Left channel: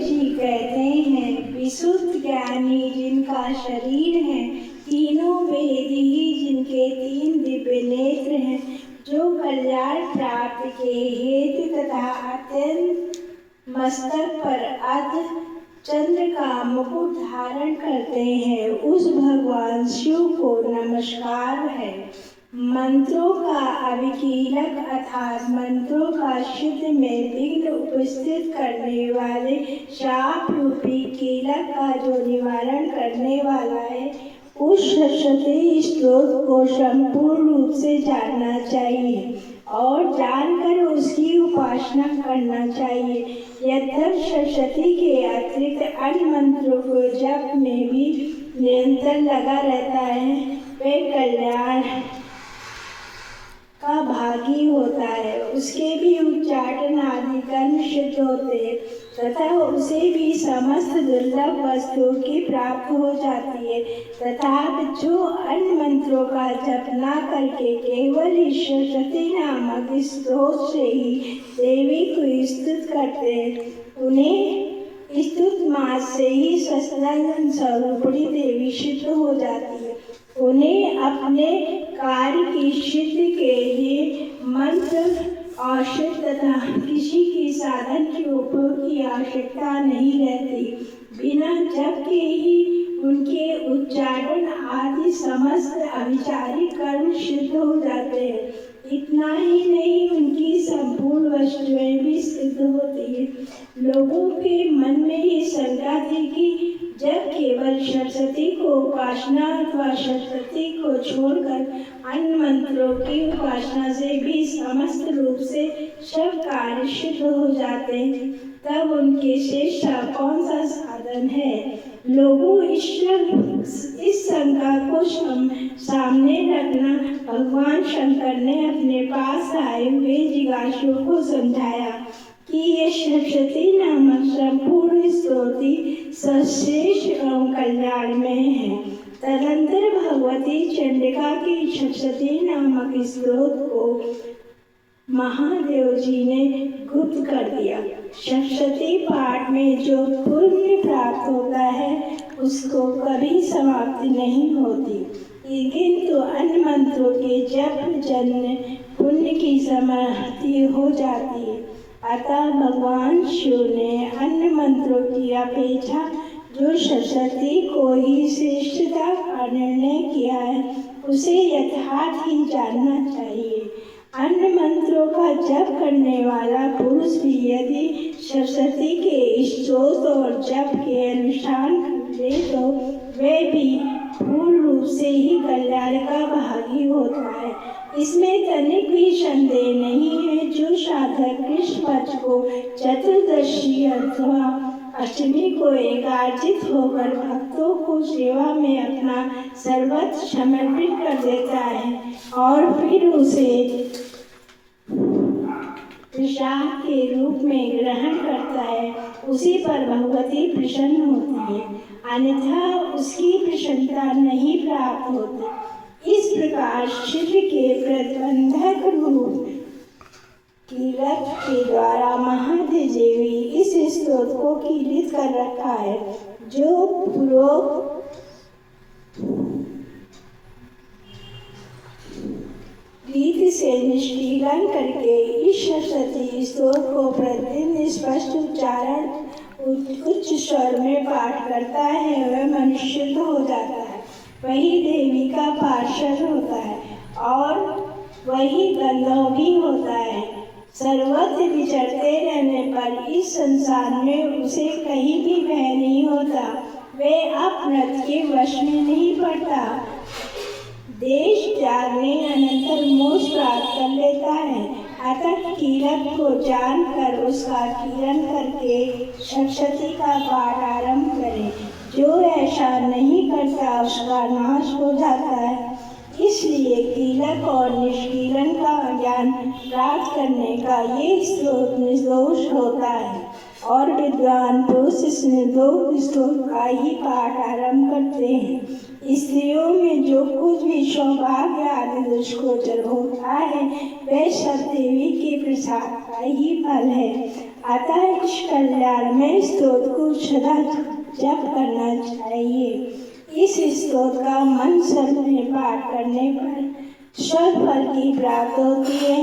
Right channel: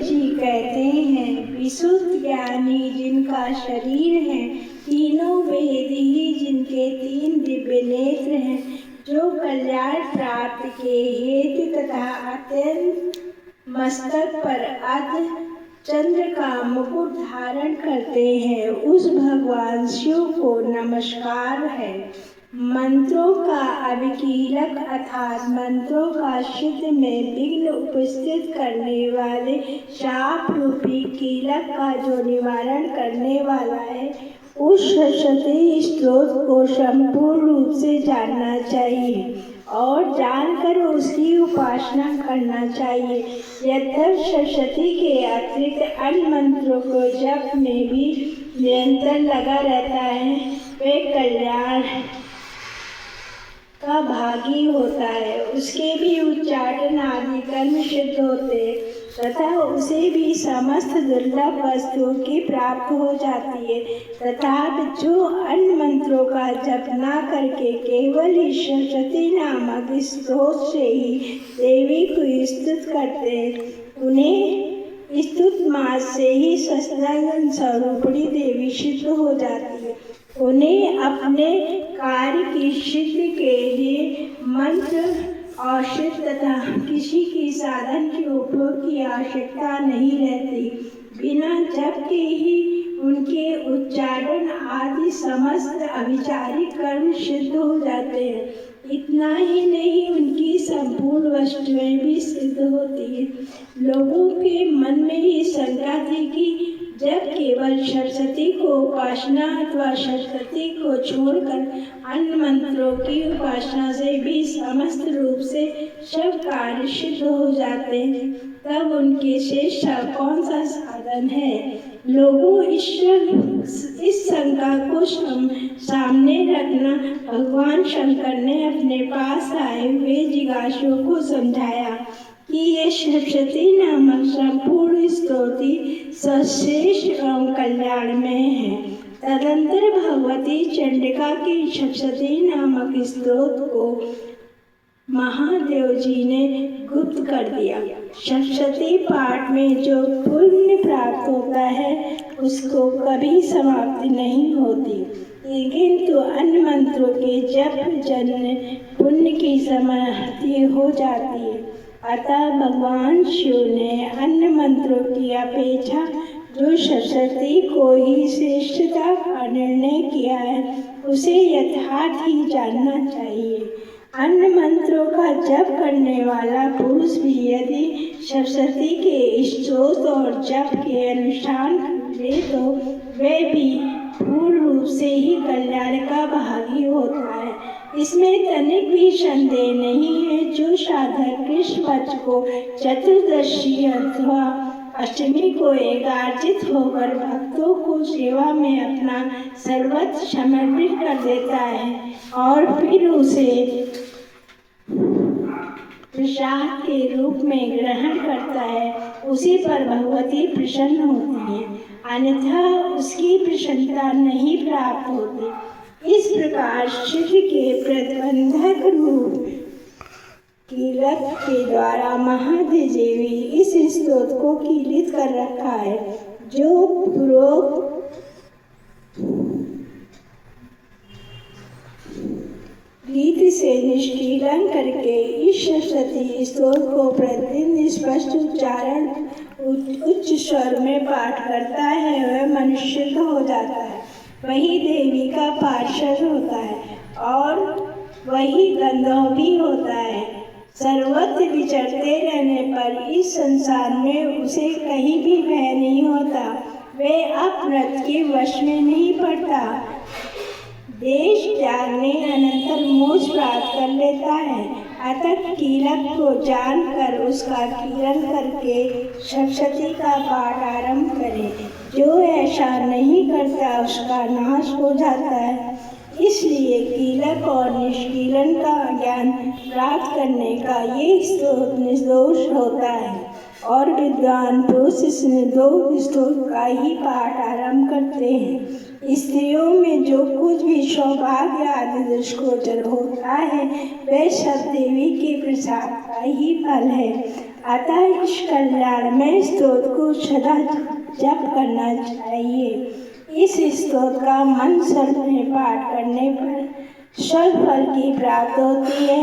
जी कहते हैं, विशुद्ध ज्ञानी जिनका शरीर है, तीनों वेदी जिनके 3 दिव्य नेत्र हैं, जो कल्याण प्राप्त के हेतु तथा अत्यंत मस्तक पर अर्ध चंद्र का मुकुट धारण करते हैं, उस भगवान शिव को नमस्कार है। मंत्रों का अभिकीलक अर्थात मंत्रों का सिद्ध में विघ्न उपस्थित करने वाले शाप रूपी कीलक का जो निवारण करने वाला है, उस सरस्वती स्तोत्र को संपूर्ण रूप से जानना चाहिए और जानकर उसकी उपासना करना चाहिए। यद्यपि सरस्वती के अतिरिक्त अन्य मंत्रों को जप में भी निरंतर लगा रहता है, वे कल्याण का भागी होता है, उसके भी उच्चाटन आदि कर्म सिद्ध होते तथा उसे भी समस्त दुर्लभ वस्तुओं की प्राप्त हो जाती है। तथा जो अन्य मंत्रों का जप न करके केवल सरस्वती नामक स्रोत से ही देवी को स्तुत करते हैं, उन्हें स्तुत मास से ही सच्चिदानंद स्वरूपिणी देवी सिद्ध हो जाती है। उन्हें अपने कार्य की सिद्धि के लिए मंत्र औषध तथा किसी के साधन के उपयोग की आवश्यकता नहीं रहती। बिना जप के ही उनके उच्चारण आदि समस्त अभिचारिक कर्म सिद्ध हो जाते हैं। इतना ही नहीं, उनकी संपूर्ण वस्तुएं भी सिद्ध होती है। लोगों के मन में ये शंका थी कि जब केवल सरस्वती को उपासना अथवा सरस्वती को छोड़कर अन्य मंत्रों की उपासना से भी समस्त रूप से सब कार्य सिद्ध हो जाते हैं, तब उनके शेष कौन सा साधन है। लोगों इस शंका को सामने रखना भगवान शंकर ने अपने पास आए हुए जिज्ञासुओं को समझाया कि ये सरस्वती नामक संपूर्ण स्तोत्र सर्वश्रेष्ठ एवं कल्याण में है। तदंतर भगवती चंडिका के सरस्वती नामक स्तोत्र को महादेव जी ने गुप्त कर दिया। सरस्वती पाठ में जो पुण्य प्राप्त होता है, उसको कभी समाप्ति नहीं होती, लेकिन तो अन्य मंत्रों के जप जन्य पुण्य की समाप्ति हो जाती है। अतः भगवान शिव ने अन्य मंत्रों की अपेक्षा जो सरस्वती को ही श्रेष्ठता का निर्णय किया है, उसे यथार्थ ही जानना चाहिए। अन्य मंत्रों का जप करने वाला पुरुष भी यदि सरस्वती के स्तोत्र और जप के अनुष्ठान करे, तो वह भी पूर्ण रूप से ही कल्याण का भागी होता है। इसमें तनिक भी संदेह नहीं है। जो साधक कृष्ण पक्ष को चतुर्दशी अथवा अष्टमी को एकार्चित होकर भक्तों को सेवा में अपना सर्वस्व समर्पित कर देता है और फिर उसे प्रसाद के रूप में ग्रहण करता है, उसी पर भगवती प्रसन्न होती है, अन्यथा उसकी प्रसन्नता नहीं प्राप्त होती। इस प्रकार शिव के प्रतिबंधक रूप कीलक के द्वारा महादेवी इस स्तोत्र को कीलित कर रखा है, जो पूर्वोक्त रीति से निष्कीलन करके इस सरस्वती स्तोत्र को प्रतिदिन स्पष्ट उच्चारण उच्च स्वर में पाठ करता है, वह मनुष्य हो जाता है, वही देवी का पार्षद होता है और वही गंधर्व भी होता है। सर्वत्र विचरते रहने पर इस संसार में उसे कहीं भी भय नहीं होता, वह अपमृत के वश में नहीं पड़ता, देश त्यागने अनंतर मोक्ष प्राप्त कर लेता है। अतः कीलक को जानकर उसका कीलन करके सरस्वती का पाठ आरंभ करे। जो ऐसा नहीं करता उसका नाश हो जाता है। इसलिए कीलक और निष्कीलन का ज्ञान प्राप्त करने का ये स्रोत निर्दोष होता है और विद्वान पुरुष इसमें 2 स्तोत्र का ही पाठ आरंभ करते हैं। स्त्रियों में जो कुछ भी सौभाग्य आदि दृष्टिगोचर होता है वह सब देवी के प्रसाद का ही फल है। अतः इस कल्याण में स्तोत्र को सदा जप करना चाहिए। इस स्तोत्र का मन सर्प में पाठ करने पर स्वर्ग फल की प्राप्ति होती है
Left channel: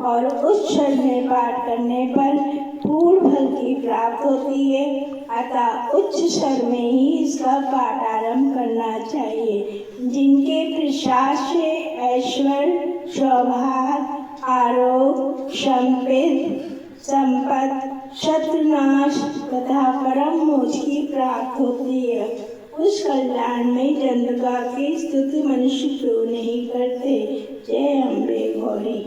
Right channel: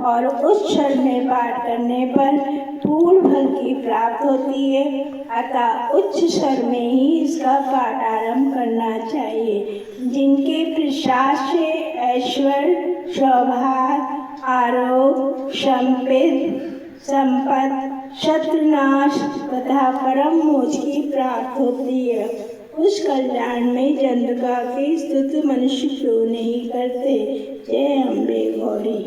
और उच्च स्वर में पाठ करने पर पूर्ण फल की प्राप्ति होती है। अतः उच्च स्वर में ही इसका पाठ आरंभ करना चाहिए। जिनके प्रसाद से ऐश्वर्य, सौभाग्य, आरोग्य, संपत्ति, शत्रुनाश तथा परम मोक्ष की प्राप्ति होती है, उस कल्याण में चंद्रिका की स्तुति मनुष्य क्यों नहीं करते। जय अम्बे गौरी।